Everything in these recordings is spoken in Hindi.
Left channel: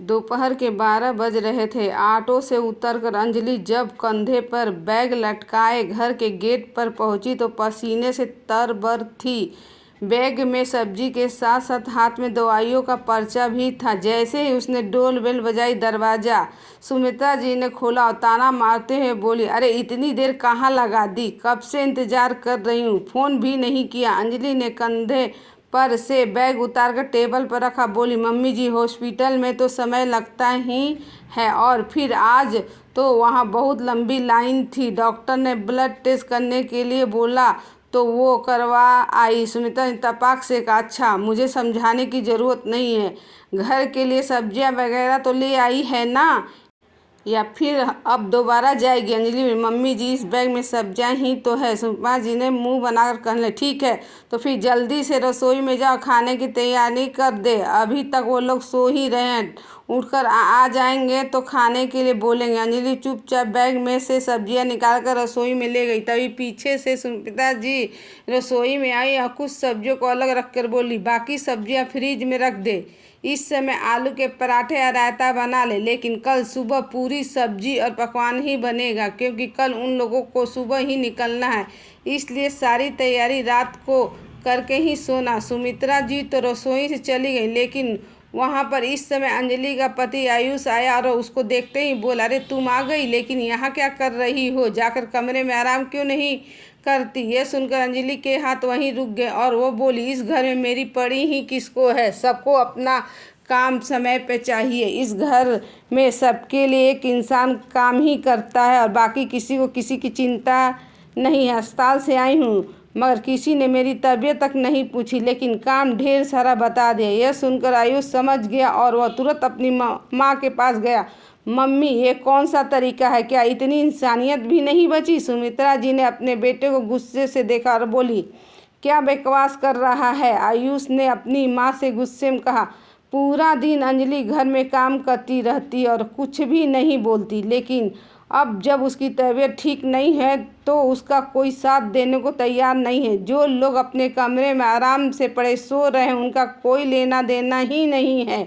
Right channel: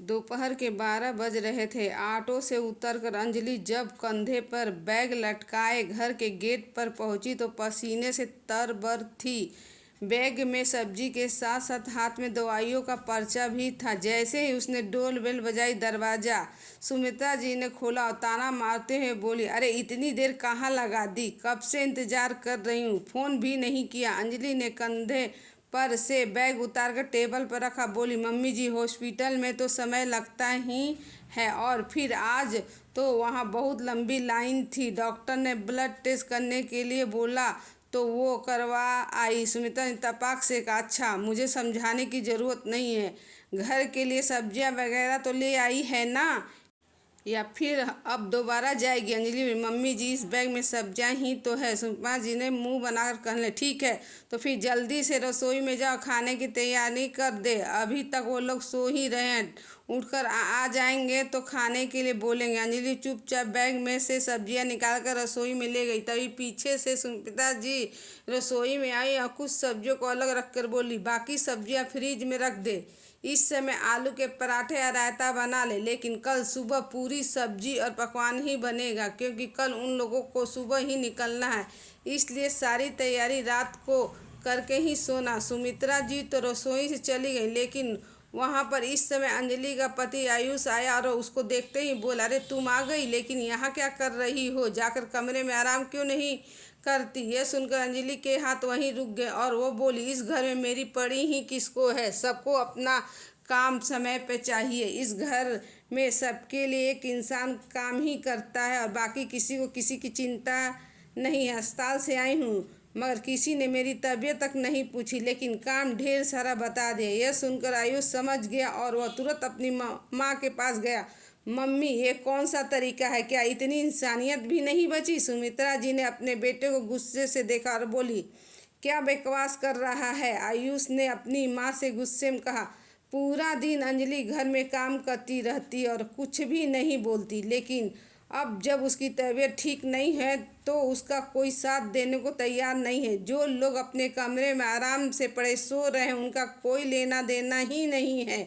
दोपहर के 12 बज रहे थे। ऑटो से उतरकर अंजलि जब कंधे पर बैग लटकाए घर के गेट पर पहुंची तो पसीने से तर-बतर थी। बैग में सब्जी के साथ साथ हाथ में दवाइयों का पर्चा भी था। जैसे ही उसने डोल बेल बजाई, दरवाजा सुमित्रा जी ने खोला और ताना मारते हुए बोली, अरे इतनी देर कहाँ लगा दी? कब से इंतजार कर रही हूँ, फोन भी नहीं किया। अंजलि ने कंधे पर से बैग उतारकर टेबल पर रखा, बोली, मम्मी जी हॉस्पिटल में तो समय लगता ही है, और फिर आज तो वहाँ बहुत लंबी लाइन थी। डॉक्टर ने ब्लड टेस्ट करने के लिए बोला तो वो करवा आई। सुमित्रा ने तपाक से कहा, अच्छा, मुझे समझाने की ज़रूरत नहीं है। घर के लिए सब्जियां वगैरह तो ले आई है ना, या फिर अब दोबारा जाएगी? अंजलि, मम्मी जी इस बैग में सब्जियां ही तो है। सुमित्रा जी ने मुंह बनाकर कहने, ठीक है तो फिर जल्दी से रसोई में जाओ, खाने की तैयारी कर दे। अभी तक वो लोग सो ही रहे हैं, उठकर आ जाएंगे तो खाने के लिए बोलेंगे। अंजलि चुपचाप बैग में से सब्जियां निकालकर रसोई में ले गई। तभी पीछे से सुमित्रा जी रसोई में आई और कुछ सब्जियों को अलग रखकर बोली, बाकी सब्जियां फ्रिज में रख दे। इस समय आलू के पराठे या रायता बना ले, लेकिन कल सुबह पूरी सब्जी और पकवान ही बनेगा, क्योंकि कल उन लोगों को सुबह ही निकलना है। इसलिए सारी तैयारी रात को करके ही सोना। सुमित्रा जी तो रसोई से चली गई, लेकिन वहाँ पर इस समय अंजलि का पति आयुष आया और उसको देखते ही बोला, अरे तुम आ गई, लेकिन यहाँ क्या कर रही हो? जाकर कमरे में आराम क्यों नहीं करती? यह सुनकर अंजलि के हाथ वहीं रुक गए और वो बोली, इस घर में मेरी पड़ी ही किसको है? सबको अपना काम समय पे चाहिए। इस घर में सबके लिए एक इंसान काम ही करता है और बाकी किसी को किसी की चिंता नहीं है। अस्पताल से आई हूँ मगर किसी ने मेरी तबीयत तक नहीं पूछी, लेकिन काम ढेर सारा बता दिया। यह सुनकर आयुष समझ गया और वह तुरंत अपनी माँ के पास गया। मम्मी, ये कौन सा तरीका है? क्या इतनी इंसानियत भी नहीं बची? सुमित्रा जी ने अपने बेटे को गुस्से से देखा और बोली, क्या बकवास कर रहा है? आयुष ने अपनी माँ से गुस्से में कहा, पूरा दिन अंजलि घर में काम करती रहती और कुछ भी नहीं बोलती, लेकिन अब जब उसकी तबीयत ठीक नहीं है तो उसका कोई साथ देने को तैयार नहीं है। जो लोग अपने कमरे में आराम से पड़े सो रहे हैं उनका कोई लेना देना ही नहीं है।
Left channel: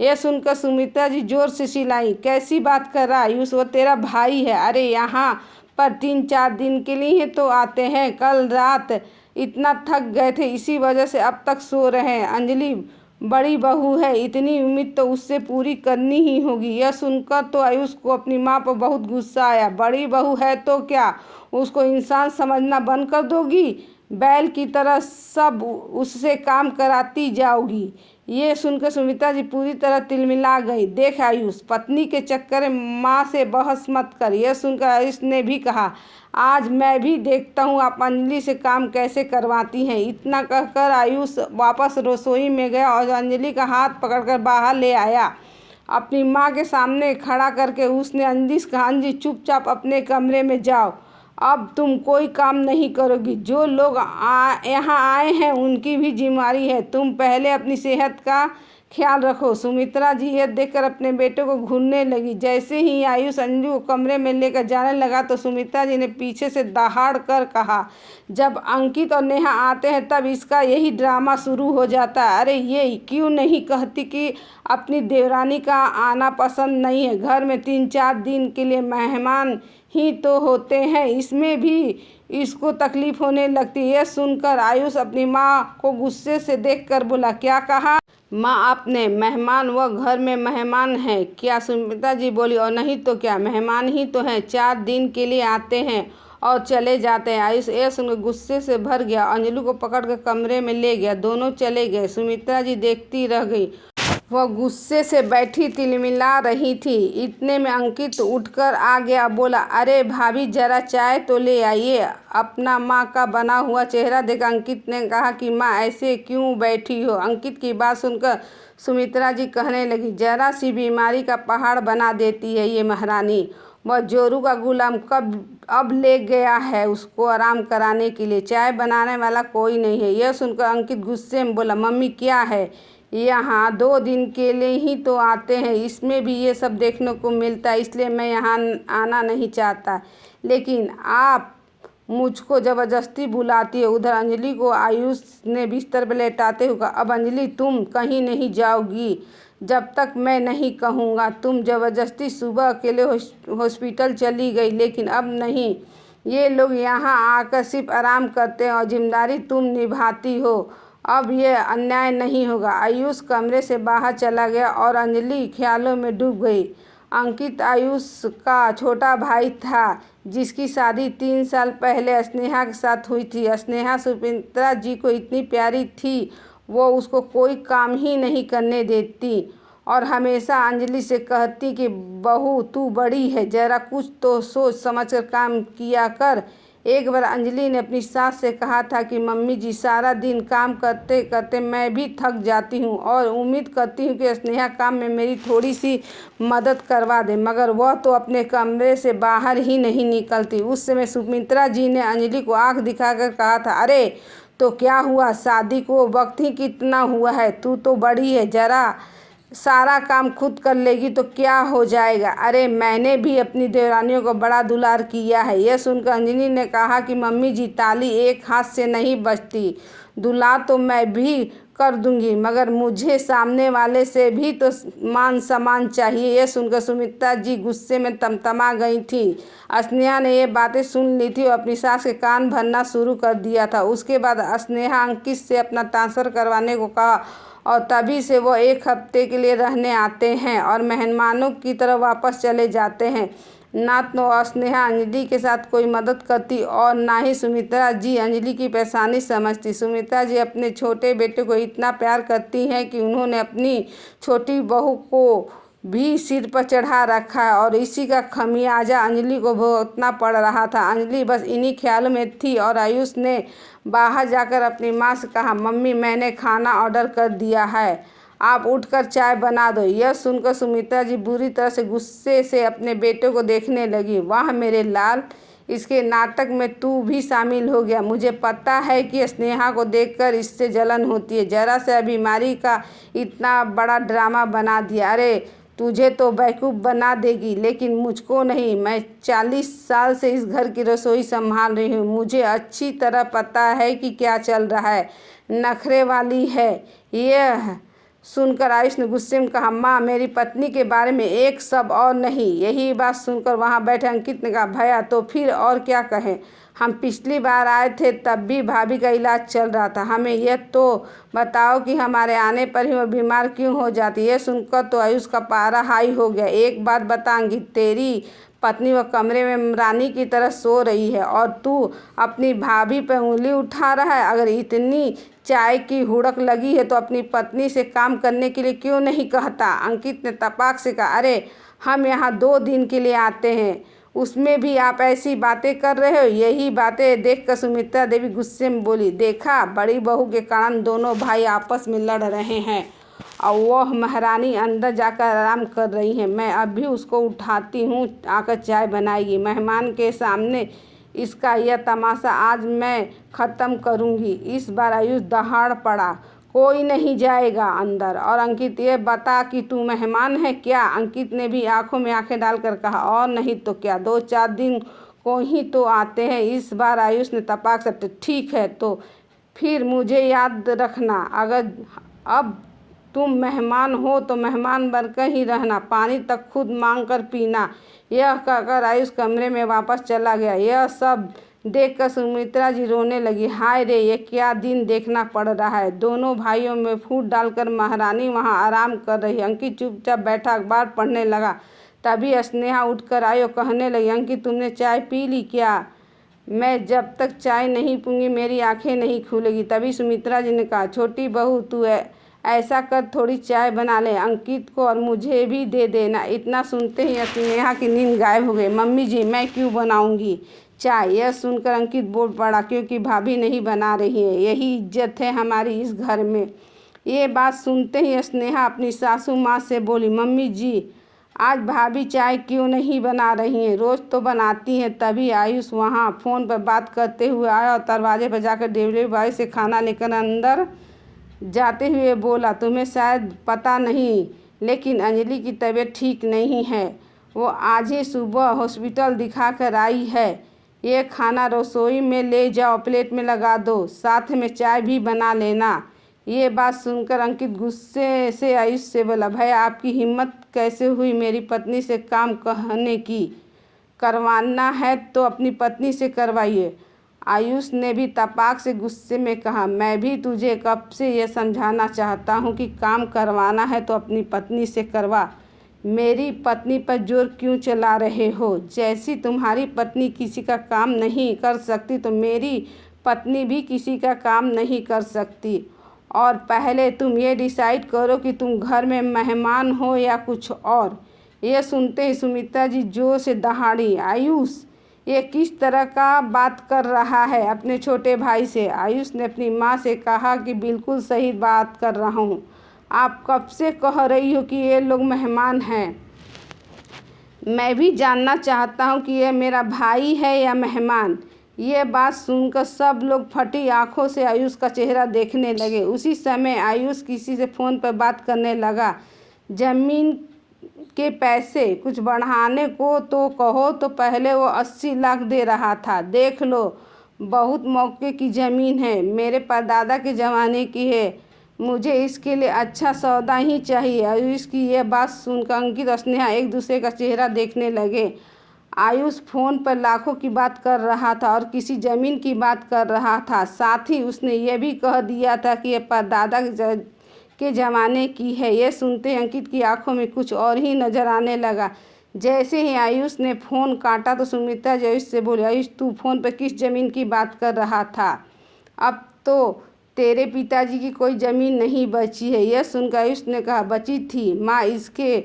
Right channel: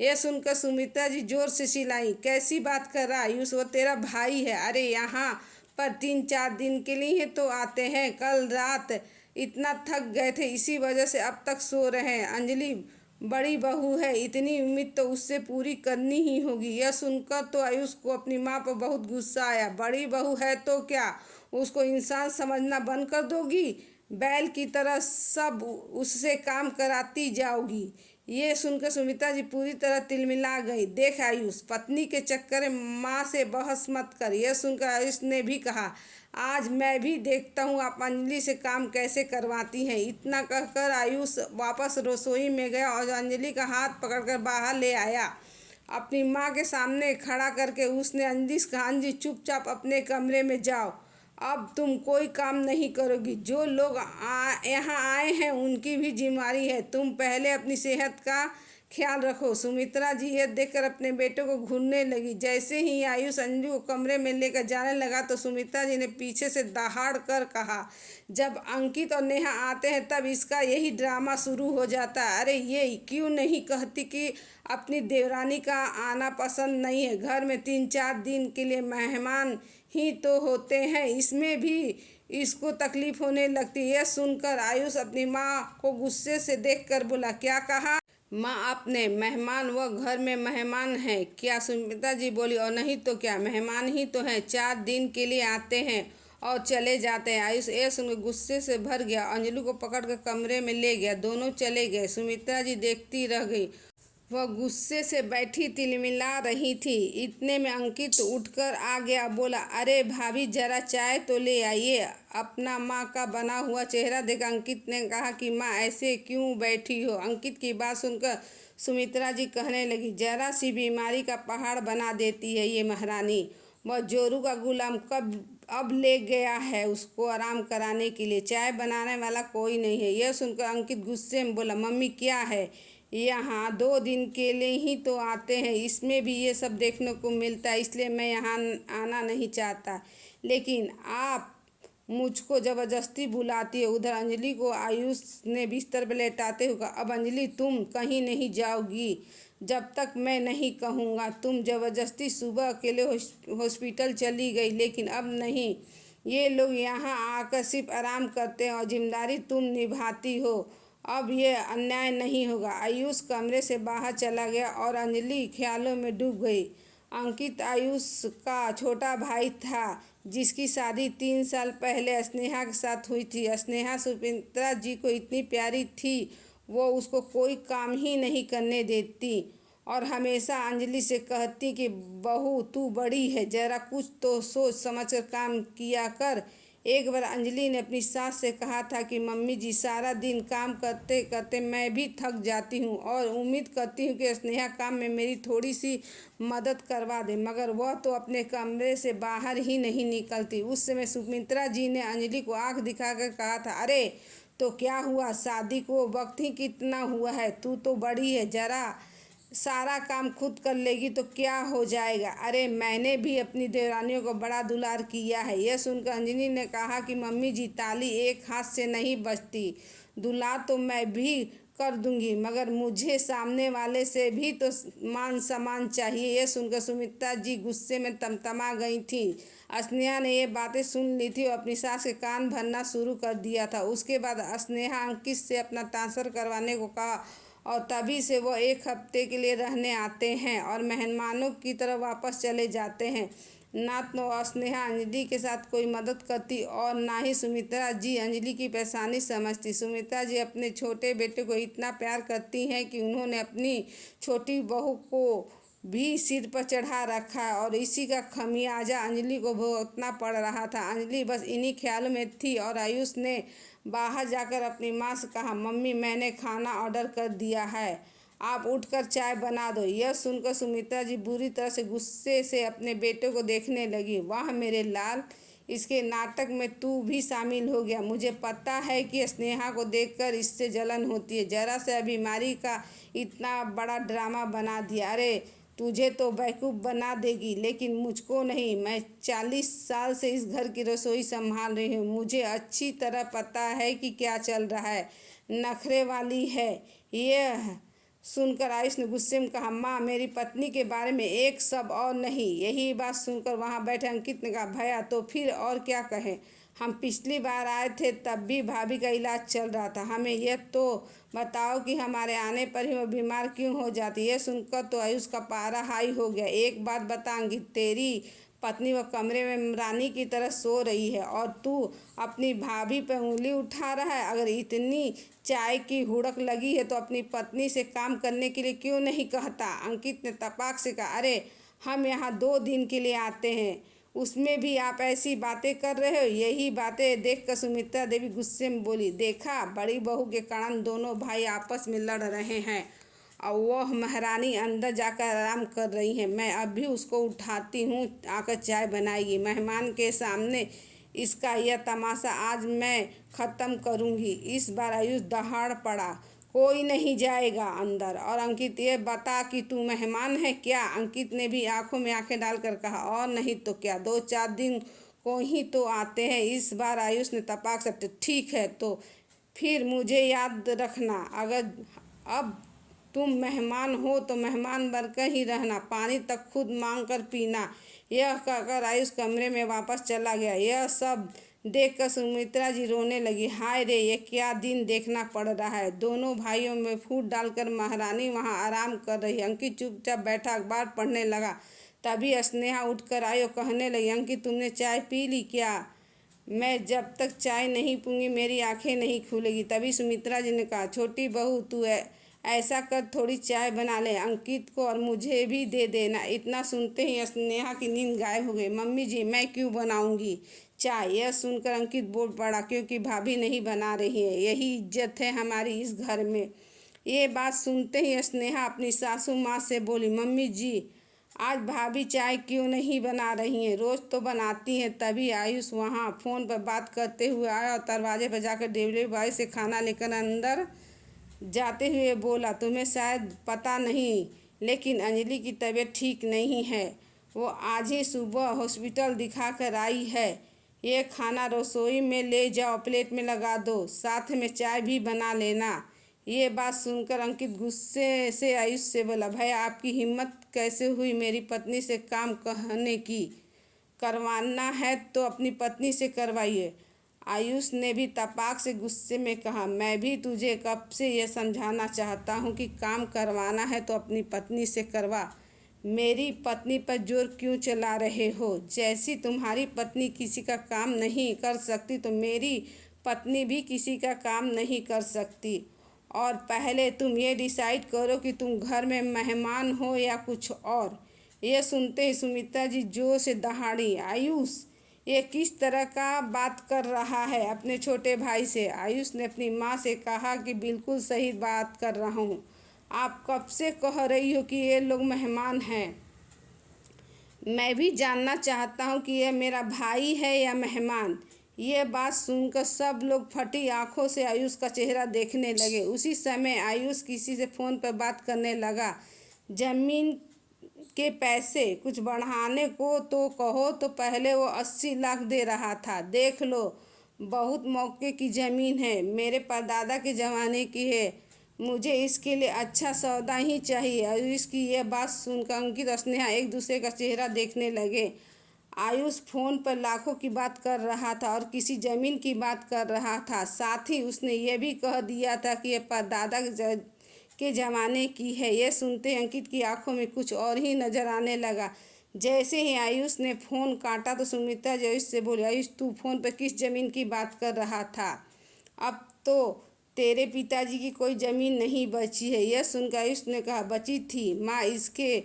यह सुनकर सुमित्रा जी जोर से चिल्लाई, कैसी बात कर रहा आयुष? वो तेरा भाई है। अरे यहाँ पर 3-4 दिन के लिए तो आते हैं। कल रात इतना थक गए थे, इसी वजह से अब तक सो रहे हैं। अंजलि बड़ी बहू है, इतनी उम्मीद तो उससे पूरी करनी ही होगी। यह सुनकर तो आयुष को अपनी माँ पर बहुत गुस्सा आया। बड़ी बहू है तो क्या उसको इंसान समझना बंद कर दोगी? बैल की तरह सब उससे काम कराती जाओगी? ये सुनकर सुमित्रा जी पूरी तरह तिलमिला गई। देख आयुष, पत्नी के चक्कर में माँ से बहस मत कर। यह सुनकर आयुष ने भी कहा, आज मैं भी देखता हूँ आप अंजलि से काम कैसे करवाती हैं। इतना कहकर आयुष वापस रसोई में गया और अंजलि का हाथ पकड़कर बाहर ले आया। अपनी माँ के सामने खड़ा करके उसने अंजलि से कहा, अंजलि चुपचाप अपने कमरे में जाओ, अब तुम कोई काम नहीं करोगी। जो लोग यहाँ आए हैं उनकी भी जिम्मेदारी है। तुम पहले अपनी सेहत का ख्याल रखो। सुमित्रा जी यह देखकर अपने बेटे को घूरने लगी। जैसे ही आयुष अंजू को कमरे में लेकर जाने लगा तो सुमित्रा जी ने पीछे से दहाड़ कर कहा, जब अंकित और नेहा आते हैं तब इसका यही ड्रामा शुरू हो जाता है। अरे ये क्यों नहीं कहती कि अपनी देवरानी का आना पसंद नहीं है? घर में 3-4 दिन के लिए मेहमान ही तो होते हैं, इसमें भी इसको तकलीफ होने लगती है। यह सुनकर आयुष अपनी माँ को गुस्से से देखकर बोला, क्या कहा माँ आपने? मेहमान? वह घर में मेहमान है क्या? सुमित्रा जी बोली, और नहीं तो क्या, मेहमान ही तो हैं। 4 दिन के लिए आते हैं और चले जाते हैं। आयुष यह सुनकर गुस्से से भर गया, अंजलि को पकड़कर कमरे में ले गया। दोनों चले गए। सुमित्रा जी देखती रह गई। वह गुस्से से बैठी तिलमिला रही थी। इतने में अंकित उठकर आ गया, बोला, अरे भाभी जरा चाय तो ले आइए। अपना माँ का बना हुआ चेहरा देख अंकित ने कहा कि माँ ऐसे क्यों बैठी हो? अंकित की बात सुनकर सुमित्रा जी कहने लगी, जरा सी बीमारी का पहाड़ बना देती है ये महारानी। वह जोरू का गुलाम कब अब ले गया है उसको आराम कराने के लिए, चाय बनाने वाला कोई नहीं है। यह सुनकर अंकित गुस्से में बोला, मम्मी क्या है, यहाँ 2 दिन के लिए ही तो आते हैं, इसमें भी ये सब देखने को मिलता है, इसलिए मैं यहाँ आना नहीं चाहता, लेकिन आप मुझको ज़बरदस्ती बुलाती है। उधर अंजलि को आयुष ने बिस्तर पर लेटाते हुए कहा, अब अंजलि तुम कहीं नहीं जाओगी, जब तक मैं नहीं कहूँगा। तुम ज़बरदस्ती सुबह अकेले हॉस्पिटल चली गई, लेकिन अब नहीं। ये लोग यहाँ आकर सिर्फ आराम करते हैं और जिम्मेदारी तुम निभाती हो। अब यह अन्याय नहीं होगा। आयुष कमरे से बाहर चला गया और अंजलि ख्यालों में डूब गई। अंकित आयुष का छोटा भाई था, जिसकी शादी 3 साल पहले स्नेहा के साथ हुई थी। स्नेहा सुमित्रा जी को इतनी प्यारी थी, वो उसको कोई काम ही नहीं करने देती और हमेशा अंजलि से कहती कि बहू तू बड़ी है, ज़रा कुछ तो सोच समझ कर काम किया कर। एक बार अंजलि ने अपनी सास से कहा था कि मम्मी जी, सारा दिन काम करते करते मैं भी थक जाती हूँ और उम्मीद करती हूँ कि स्नेहा काम में मेरी थोड़ी सी मदद करवा दे, मगर वह तो अपने कमरे से बाहर ही नहीं निकलती। उस समय सुमित्रा जी ने अंजलि को आंख दिखाकर कहा था, अरे तो क्या हुआ, शादी को वक्त ही कितना हुआ है, तू तो बड़ी है, ज़रा सारा काम खुद कर लेगी तो क्या हो जाएगा। अरे मैंने भी अपनी देवरानियों को बड़ा दुलार किया है। यह सुनकर अंजलि ने कहा कि मम्मी जी, ताली एक हाथ से नहीं बजती, दुलार तो मैं भी कर दूंगी, मगर मुझे सामने वाले से भी तो मान सम्मान चाहिए। यह सुनकर सुमित्रा जी गुस्से में तमतमा गई थी। स्नेहा ने ये बातें सुन ली थी और अपनी सास के कान भरना शुरू कर दिया था। उसके बाद स्नेहा अंकित से अपना ट्रांसफ़र करवाने को कहा और तभी से वो 1 हफ्ते के लिए रहने आते हैं और मेहमानों की तरह वापस चले जाते हैं। ना तो स्नेहा अंजलि के साथ कोई मदद करती और ना ही सुमित्रा जी अंजलि की परेशानी समझती। सुमित्रा जी अपने छोटे बेटे को इतना प्यार करती हैं कि उन्होंने अपनी छोटी बहू को भी सिर पर चढ़ा रखा है और इसी का खमियाजा अंजलि को भुगतना पड़ रहा था। अंजलि बस इन्हीं ख्यालों में थी और आयुष ने बाहर जाकर अपनी माँ से कहा, मम्मी मैंने खाना ऑर्डर कर दिया है, आप उठकर चाय बना दो। यह सुनकर सुमित्रा जी बुरी तरह से गुस्से से अपने बेटे को देखने लगी। वाह मेरे लाल, इसके नाटक में तू भी शामिल हो गया। मुझे पता है कि स्नेहा को देखकर इससे जलन होती है, जरा से बीमारी का इतना बड़ा ड्रामा बना दिया। अरे तुझे तो बेवकूफ़ बना देगी, लेकिन मुझको नहीं। मैं 40 साल से इस घर की रसोई संभाल रही हूँ, मुझे अच्छी तरह पता है कि क्या चल रहा है। नखरे वाली है। यह सुनकर आयुष ने गुस्से में कहा, माँ मेरी पत्नी के बारे में एक शब्द और नहीं। यही बात सुनकर वहाँ बैठे अंकित ने कहा, भैया तो फिर और क्या कहें, हम पिछली बार आए थे तब भी भाभी का इलाज चल रहा था, हमें यह तो बताओ कि हमारे आने पर ही वो बीमार क्यों हो जाती है। सुनकर तो आयुष का पारा हाई हो गया। एक बात बता अंकित, तेरी पत्नी वो कमरे में रानी की तरह सो रही है और तू अपनी भाभी पर उंगली उठा रहा है। अगर इतनी चाय की हुड़क लगी है तो अपनी पत्नी से काम करने के लिए क्यों नहीं कहता। अंकित ने तपाक से कहा, अरे हम यहाँ 2 दिन के लिए आते हैं, उसमें भी आप ऐसी बातें कर रहे हो। यही बातें देखकर सुमित्रा देवी गुस्से में बोली, देखा बड़ी बहू के कारण दोनों भाई आपस में लड़ रहे हैं और वह महारानी अंदर जाकर आराम कर रही है। मैं अभी उसको उठाती हूँ, आकर चाय बनाएगी। मेहमान के सामने इसका यह तमाशा आज मैं ख़त्म करूँगी। इस बार आयुष दहाड़ पड़ा, कोई नहीं जाएगा अंदर। और अंकित, ये बता कि तू मेहमान है क्या। अंकित ने भी आंखों में आंखें डालकर कहा, और नहीं तो क्या, 2-4 दिन को ही तो आते हैं। इस बार आयुष ने तपाक से, ठीक है तो फिर मुझे याद रखना, अगर अब तुम मेहमान हो तो मेहमान बनकर ही रहना, पानी तक खुद मांग कर पीना। यह कहकर आयुष कमरे में वापस चला गया। यह सब देखकर सुमित्रा जी रोने लगी। हाय रे, ये क्या दिन देखना पड़ रहा है। दोनों भाइयों में फूट डालकर महारानी वहाँ आराम कर रही। अंकित चुपचाप बैठा अखबार पढ़ने लगा। तभी स्नेहा उठकर आई और कहने लगी, अंकित तुमने चाय पी ली क्या। मैं जब तक चाय नहीं पीऊँगी मेरी आंखें नहीं खुलेगी। तभी सुमित्रा जी ने कहा, छोटी बहू तू ऐसा कर, थोड़ी चाय बना ले, अंकित को और मुझे भी दे देना। इतना सुनते ही स्नेहा की नींद गायब हो गई। मम्मी जी मैं क्यों बनाऊंगी चाय। यह सुनकर अंकित बोल पड़ा, क्योंकि भाभी नहीं बना रही है, यही इज्जत है हमारी इस घर में। ये बात सुनते ही स्नेहा अपनी सासू माँ से बोली, मम्मी जी आज भाभी चाय क्यों नहीं बना रही हैं, रोज़ तो बनाती हैं। तभी आयुष वहाँ फ़ोन पर बात करते हुए आया और दरवाजे पर जाकर डिलीवरी बॉय से खाना लेकर अंदर जाते हुए बोला, तुम्हें शायद पता नहीं, लेकिन अंजलि की तबीयत ठीक नहीं है, वो आज ही सुबह हॉस्पिटल दिखा कर आई है। ये खाना रसोई में ले जाओ, प्लेट में लगा दो, साथ में चाय भी बना लेना, ये बात सुनकर अंकित गुस्से से आयुष से बोला, भैया आपकी हिम्मत कैसे हुई मेरी पत्नी से काम कहने की? करवाना है तो अपनी पत्नी से करवाइए। आयुष ने भी तपाक से गुस्से में कहा, मैं भी तुझे कब से ये समझाना चाहता हूँ कि काम करवाना है तो अपनी पत्नी से करवा। मेरी पत्नी पर जोर क्यों चला रहे हो? जैसी तुम्हारी पत्नी किसी का काम नहीं कर सकती तो मेरी पत्नी भी किसी का काम नहीं कर सकती। और पहले तुम ये डिसाइड करो कि तुम घर में मेहमान हो या कुछ और। ये सुनते ही सुमित्रा जी जोर से दहाड़ी, आयुष ये किस तरह का बात कर रहा है अपने छोटे भाई से? आयुष ने अपनी माँ से कहा कि बिल्कुल सही बात कर रहा हूँ। आप कब से कह रही हो कि ये लोग मेहमान हैं? मैं भी जानना चाहता हूँ कि ये मेरा भाई है या मेहमान। ये बात सुनकर सब लोग फटी आंखों से आयुष का चेहरा देखने लगे। उसी समय आयुष किसी से फ़ोन पर बात करने लगा। ज़मीन के पैसे कुछ बढ़ाने को तो कहो तो पहले वो 80 लाख दे रहा था। देख लो, बहुत मौके की ज़मीन है, मेरे परदादा के ज़माने की है। मुझे इसके लिए अच्छा सौदा ही चाहिए। आयुष की यह बात सुनकर अंकित और स्नेहा एक दूसरे का चेहरा देखने लगे। आयुष फ़ोन पर लाखों की बात कर रहा था और किसी ज़मीन की बात कर रहा था। साथ ही उसने यह भी कह दिया था कि यह परदादा के ज़माने की है। यह सुनते अंकित की आंखों में कुछ और ही नज़र आने लगा। जैसे ही आयुष ने फ़ोन काटा तो सुमित्रा जी आयुष से बोली, आयुष तू फ़ोन पर किस ज़मीन की बात कर रहा था? अब तो तेरे पिताजी की कोई ज़मीन नहीं बची है। यह सुनकर आयुष ने कहा, बची थी माँ, इसके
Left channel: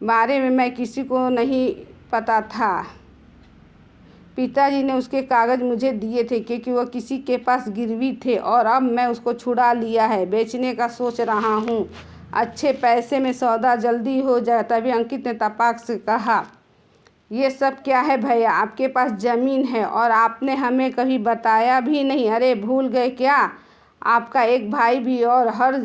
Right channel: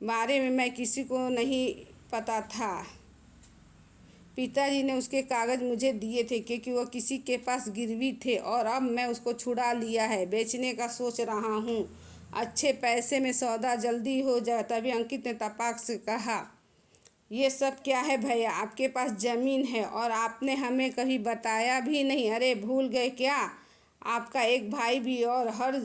बारे में मैं किसी को नहीं पता था। पिताजी ने उसके कागज़ मुझे दिए थे क्योंकि वह किसी के पास गिरवी थे और अब मैं उसको छुड़ा लिया है, बेचने का सोच रहा हूँ। अच्छे पैसे में सौदा जल्दी हो जाए। तभी अंकित ने तपाक से कहा, ये सब क्या है भैया? आपके पास ज़मीन है और आपने हमें कभी बताया भी नहीं। अरे भूल गए क्या? आपका एक भाई भी और हर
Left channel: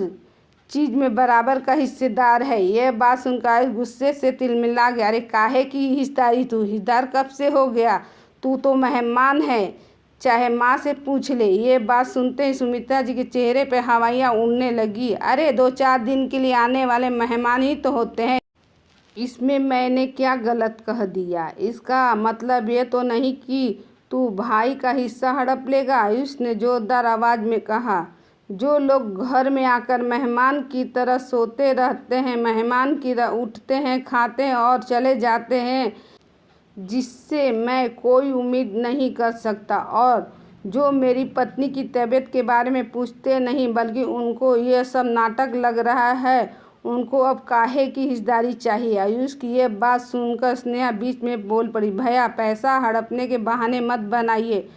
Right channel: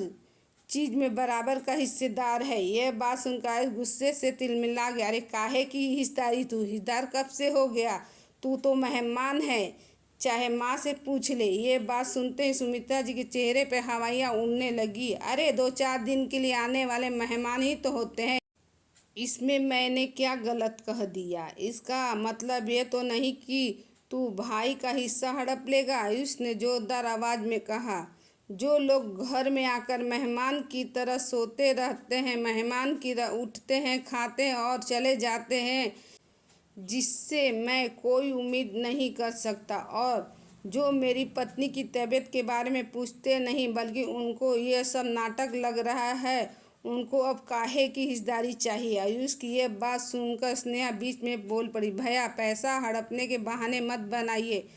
चीज़ में बराबर का हिस्सेदार है। यह बात सुनकर गुस्से से तिलमिला गया। अरे काहे की हिस्सेदारी? तू हिस्सेदार कब से हो गया? तू तो मेहमान है, चाहे माँ से पूछ ले। ये बात सुनते ही सुमित्रा जी के चेहरे पे हवाइयाँ उड़ने लगी। अरे 2-4 दिन के लिए आने वाले मेहमान ही तो होते हैं, इसमें मैंने क्या गलत कह दिया? इसका मतलब ये तो नहीं कि तू भाई का हिस्सा हड़प लेगा। आयुष ने जोरदार आवाज़ में कहा, जो लोग घर में आकर मेहमान की तरह सोते रहते हैं, मेहमान की तरह उठते हैं, खाते हैं और चले जाते हैं, जिससे मैं कोई उम्मीद नहीं कर सकता, और जो मेरी पत्नी की तबीयत के बारे में पूछते नहीं बल्कि उनको यह सब नाटक लग रहा है, उनको अब काहे की हिस्सेदारी चाहिए? आयुष की यह बात सुनकर स्नेहा बीच में बोल पड़ी, भैया पैसा हड़पने के बहाने मत बनाइए।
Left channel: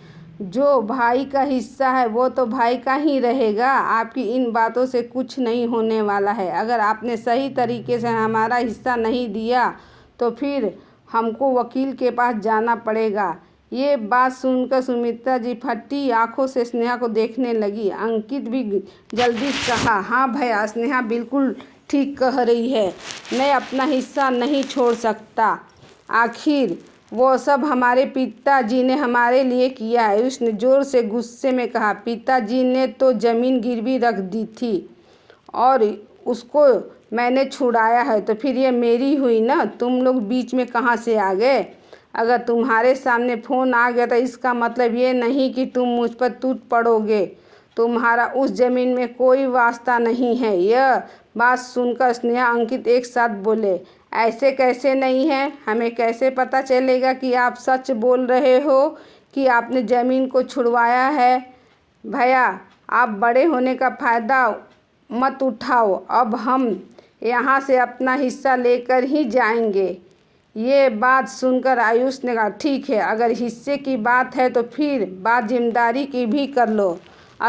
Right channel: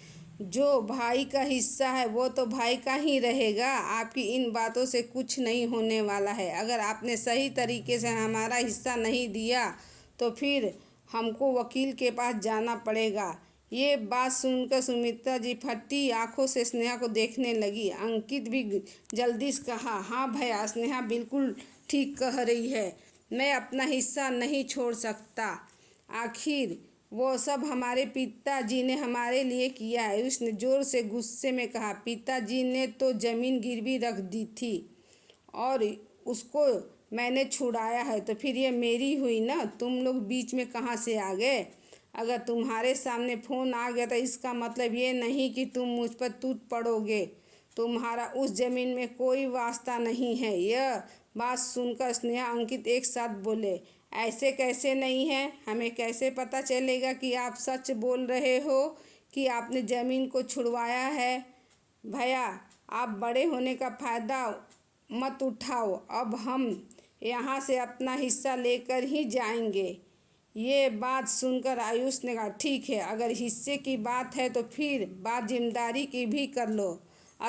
जो भाई का हिस्सा है वो तो भाई का ही रहेगा। आपकी इन बातों से कुछ नहीं होने वाला है। अगर आपने सही तरीके से हमारा हिस्सा नहीं दिया तो फिर हमको वकील के पास जाना पड़ेगा। ये बात सुनकर सुमित्रा जी फटी आंखों से स्नेहा को देखने लगी। अंकित भी जल्दी से कहा, हाँ भैया, स्नेहा बिल्कुल ठीक कह रही है, मैं अपना हिस्सा नहीं छोड़ सकता। आखिर वो सब हमारे पिताजी ने हमारे लिए किया है। उसने जोर से गुस्से में कहा, पिताजी ने तो ज़मीन गिरवी रख दी थी और उसको मैंने छुड़ाया है, तो फिर ये मेरी हुई ना। तुम लोग बीच में कहाँ से आ गए? अगर तुम्हारे सामने फ़ोन आ गया तो इसका मतलब ये नहीं कि तुम मुझ पर टूट पड़ोगे। तुम्हारा उस ज़मीन में कोई वास्ता नहीं है। यह बात सुनकर स्नेहा अंकित एक साथ बोले, ऐसे कैसे नहीं है? हमें कैसे पता चलेगा कि आप सच बोल रहे हो कि आपने ज़मीन को छुड़वाया है? भैया आप बड़े होने का फ़ायदा मत उठाओ। अब हम यहाँ से अपना हिस्सा लेकर ही जाएंगे। ये बात सुनकर आयुष ने कहा, ठीक है, अगर हिस्से की बात है तो फिर बात जिम्मेदारी की भी कर लो।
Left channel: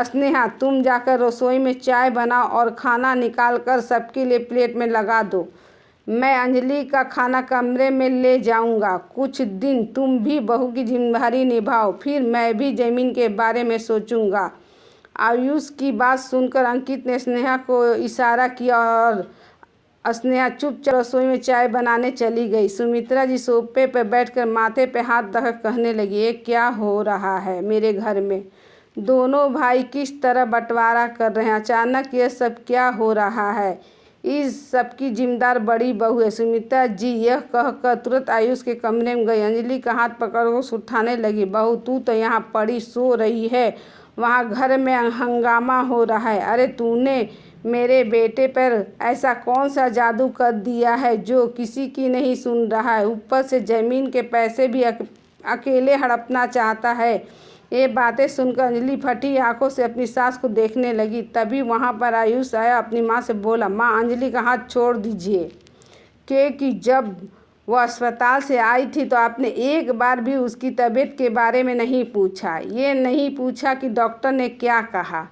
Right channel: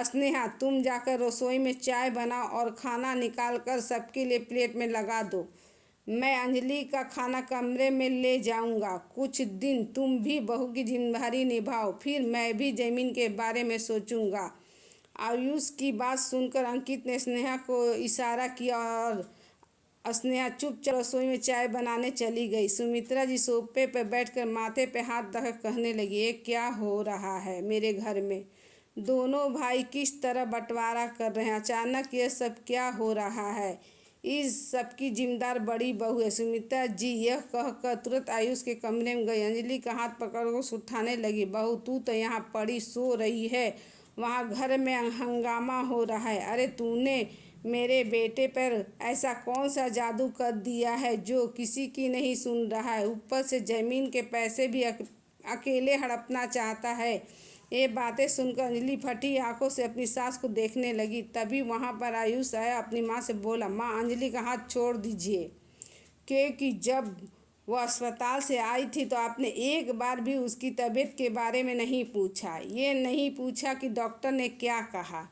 स्नेहा तुम जाकर रसोई में चाय बनाओ और खाना निकाल कर सबके लिए प्लेट में लगा दो। मैं अंजलि का खाना कमरे में ले जाऊंगा। कुछ दिन तुम भी बहू की जिम्मेदारी निभाओ, फिर मैं भी ज़मीन के बारे में सोचूंगा। आयुष की बात सुनकर अंकित ने स्नेहा को इशारा किया और स्नेहा चुपचाप रसोई में चाय बनाने चली गई। सुमित्रा जी सोफे पर बैठकर माथे पे हाथ रखकर कहने लगी, ये क्या हो रहा है मेरे घर में? दोनों भाई किस तरह बंटवारा कर रहे हैं। अचानक यह सब क्या हो रहा है। इस सब की जिम्मेदार बड़ी बहू है सुमित्रा जी। यह कहकर तुरंत आयुष के कमरे में गई। अंजलि का हाथ पकड़ उसे उठाने लगी। बहू तू तो यहाँ पड़ी सो रही है, वहाँ घर में हंगामा हो रहा है। अरे तूने मेरे बेटे पर ऐसा कौन सा जादू कर दिया है जो किसी की नहीं सुन रहा है। ऊपर से ज़मीन के पैसे भी अकेले हड़पना चाहता है। ये बातें सुनकर अंजलि फटी आंखों से अपनी सास को देखने लगी। तभी वहाँ पर आयुष आया। अपनी माँ से बोला, माँ अंजलि का हाथ छोड़ दीजिए। क्योंकि जब वह अस्पताल से आई थी तो आपने एक बार भी उसकी तबीयत के बारे में नहीं पूछा। ये नहीं पूछा कि डॉक्टर ने क्या कहा।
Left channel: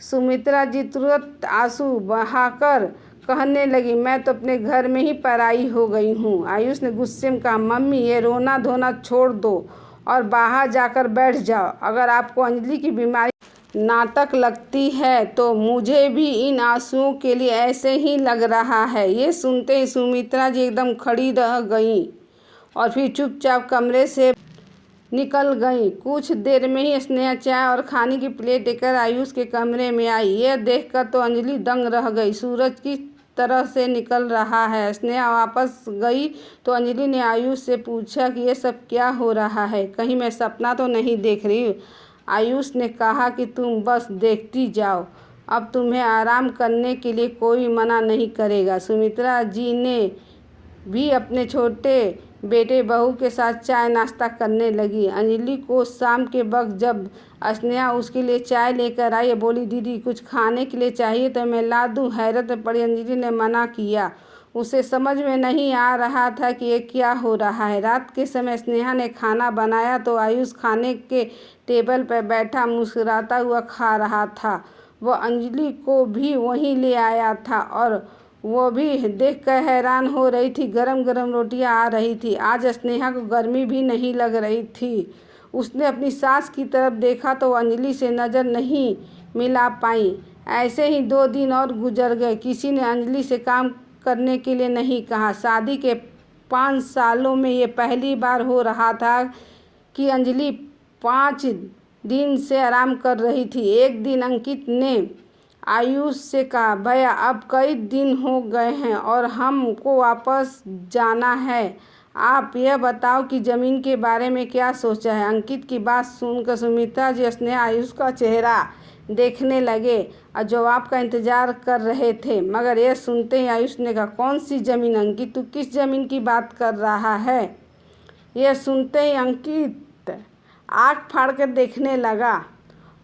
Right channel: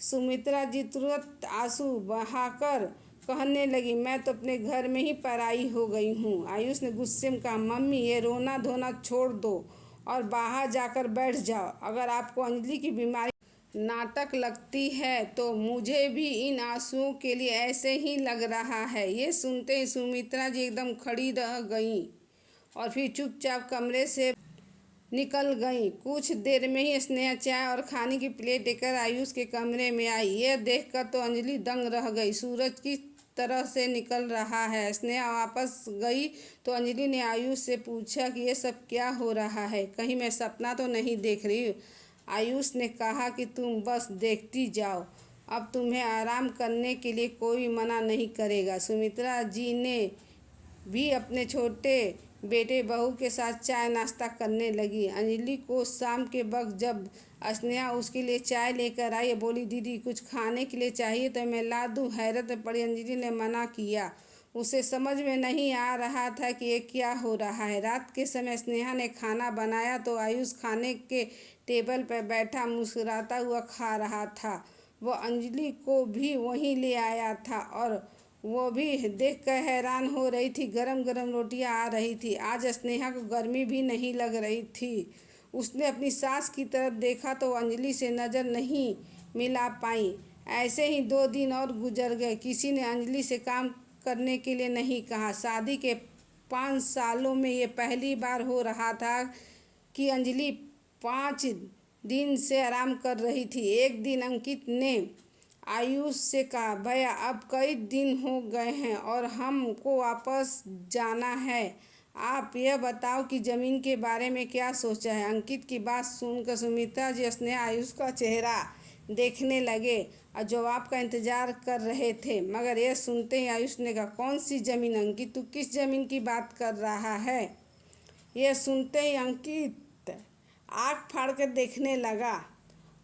सुमित्रा जी तुरंत आंसू बहाकर कहने लगी, मैं तो अपने घर में ही पराई हो गई हूँ। आयुष ने गुस्से में कहा, मम्मी ये रोना धोना छोड़ दो और बाहर जाकर बैठ जाओ। अगर आपको अंजलि की बीमारी नाटक लगती है तो मुझे भी इन आंसुओं के लिए ऐसे ही लग रहा है। ये सुनते ही सुमित्रा जी एकदम खड़ी रह गईं और फिर चुपचाप कमरे से निकल गई। कुछ देर में ही स्नेहा चाय और खाने की प्लेट लेकर आयुष के कमरे में आई। यह देखकर तो अंजलि दंग रह गई। सूरज किस तरह से निकल रहा है। स्नेहा वापस गई तो अंजलि ने आयुष से पूछा कि ये सब क्या हो रहा है, कहीं मैं सपना तो नहीं देख रही हूँ। आयुष ने कहा कि तुम बस देखती जाओ, अब तुम्हें आराम करने के लिए कोई मना नहीं करेगा। सुमित्रा जी ने भी अपने छोटे बेटे बहू के साथ चाय नाश्ता करने लगी। अंजलि को शाम के वक्त जब स्नेहा उसके लिए चाय लेकर आई, बोली, दीदी कुछ खाने के लिए चाहिए तो मैं ला दूँ। हैरत में पड़ी अंजलि ने मना किया। उसे समझ में नहीं आ रहा था कि ये क्या हो रहा है। रात के समय स्नेहा ने खाना बनाया तो आयुष खाने के टेबल पर बैठा मुस्कुराता हुआ खा रहा था। वह अंजलि को भी वहीं ले आया था और वो भी देखकर हैरान हो रही थी। गरम गरम रोटियां आ रही थी। आज स्नेहा को गर्मी भी नहीं लग रही थी। उसने अपनी सास की तरफ देखा तो अंजलि से नज़र नहीं मिला पाई। ऐसे ही 2 दिन और गुजर गए। किसी ने अंजलि से काम करने के लिए नहीं कहा। शादी के 5 सालों में ये पहली बार हो रहा था कि अंजलि 5 दिन से आराम कर रही थी। एक दिन अंकित ने आयुष से कहा, भैया अब कई दिन हो गए हैं और हमको वापस जाना है। आप यह बताओ कि ज़मीन के बारे में क्या सोचा है। अंकित की बात सुनकर सुमित्रा जी स्नेहा आयुष का चेहरा देखने लगे और जवाब का इंतजार कर रहे थे। मगर यह सुनते ही आयुष ने कहा, कौन सी ज़मीन अंकित, तू किस ज़मीन की बात कर रहा है। यह सुनते ही अंकित आँख फाड़ कर देखने लगा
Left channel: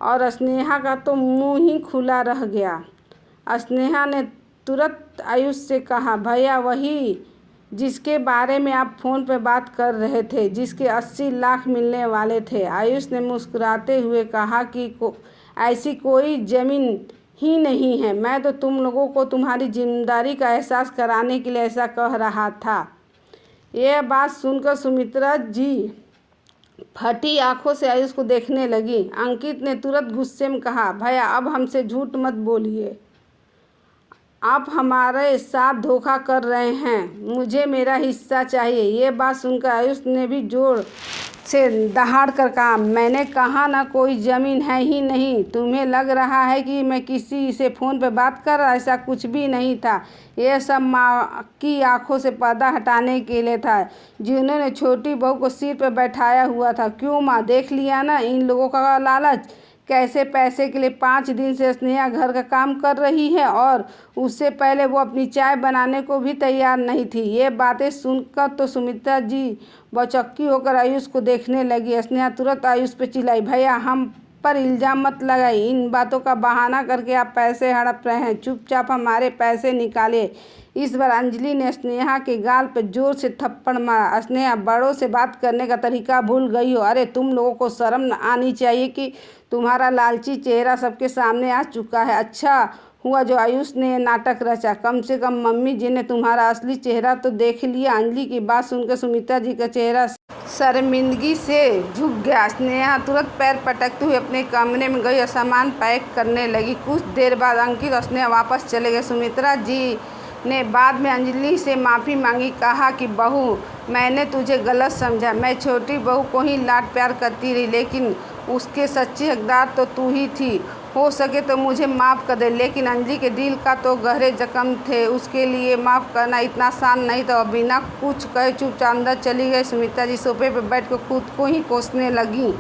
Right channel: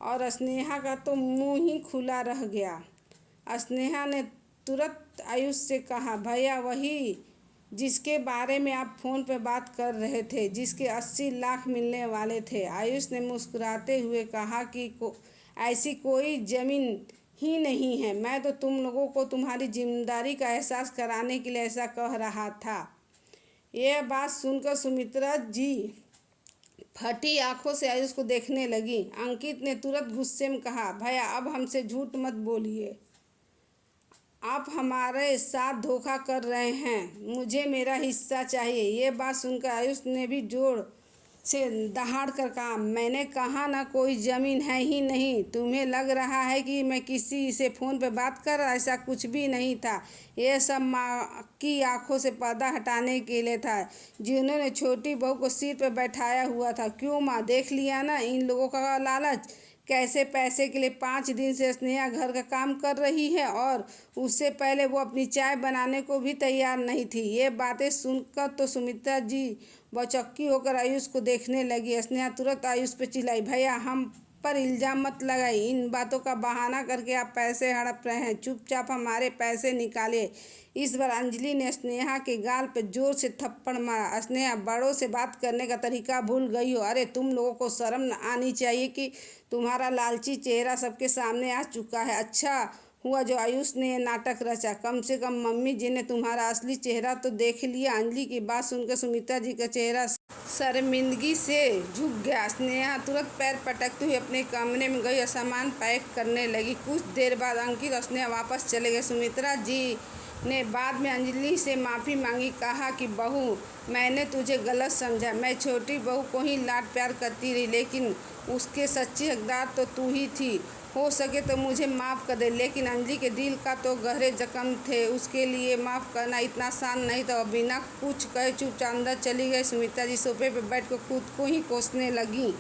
और स्नेहा का तो मुंह ही खुला रह गया। स्नेहा ने तुरंत आयुष से कहा, भैया वही जिसके बारे में आप फ़ोन पर बात कर रहे थे, जिसके 80 लाख मिलने वाले थे। आयुष ने मुस्कुराते हुए कहा कि ऐसी कोई ज़मीन ही नहीं है। मैं तो तुम लोगों को तुम्हारी जिम्मेदारी का एहसास कराने के लिए ऐसा कह रहा था। यह बात सुनकर सुमित्रा जी फटी आंखों से आयुष को देखने लगी। अंकित ने तुरंत गुस्से में कहा, भैया अब हमसे झूठ मत बोलिए, आप हमारे साथ धोखा कर रहे हैं। मुझे मेरा हिस्सा चाहिए। ये बात सुनकर आयुष ने भी जोर से दहाड़ कर कहा, मैंने कहा ना कोई ज़मीन है ही नहीं। तुम्हें लग रहा है कि मैं किसी से फ़ोन पर बात कर रहा, ऐसा कुछ भी नहीं था। यह सब माँ की आंखों से पर्दा हटाने के लिए था, जिन्होंने छोटी बहू को सिर पर बैठाया हुआ था। क्यों माँ, देख लिया ना इन लोगों का लालच, कैसे पैसे के लिए 5 दिन से स्नेहा घर का काम कर रही है और उससे पहले वो अपनी चाय बनाने को भी तैयार नहीं थी। ये बातें सुनकर तो सुमित्रा जी बचक्की होकर आयुष को देखने लगी। स्नेहा तुरंत आयुष पे चिल्लाई, भैया हम पर इल्ज़ाम मत लगाइए। इन बातों का बहाना करके आप पैसे हड़प रहे हैं। चुपचाप हमारे पैसे निकालिए। इस बार अंजलि ने स्नेहा के गाल पर जोर से थप्पड़ मारा। स्नेहा, बड़ों से बात करने का तरीका भूल गई हो। अरे तुम लोगों को शर्म आनी चाहिए कि तुम्हारा लालची चेहरा सबके सामने आ चुका है। अच्छा हुआ जो आयुष ने नाटक रचा, कम से कम मम्मी जी ने तुम्हारा असली चेहरा तो देख लिया। अंजलि की बात सुनकर सुमित्रा जी का चेहरा शर्मिंदगी से झुक गया। स्नेहा तुरंत पैर पटकते हुए अपने कमरे में गई और सामान पैक करने लगी। कुछ देर बाद अंकित और स्नेहा वापस चले गए। सुमित्रा जी ने बाद में अंजलि से माफ़ी मांगी। कहा कि बहू, मैंने तुझे गलत समझा। मैं छोटी बहू को ही लाड प्यार करती रही, लेकिन उसके सच्ची हकदार तो तू ही थी। हो सके तो मुझे माफ़ कर दे। लेकिन अंजलि के दिल का तो गहरे जख्म थे, उसके लिए माफ़ करना इतना आसान नहीं था। बिना कुछ कहे चुपचाप अंदर चली गई। सुमित्रा जी सोफे पर बैठ कर खुद को ही कोसने लगी।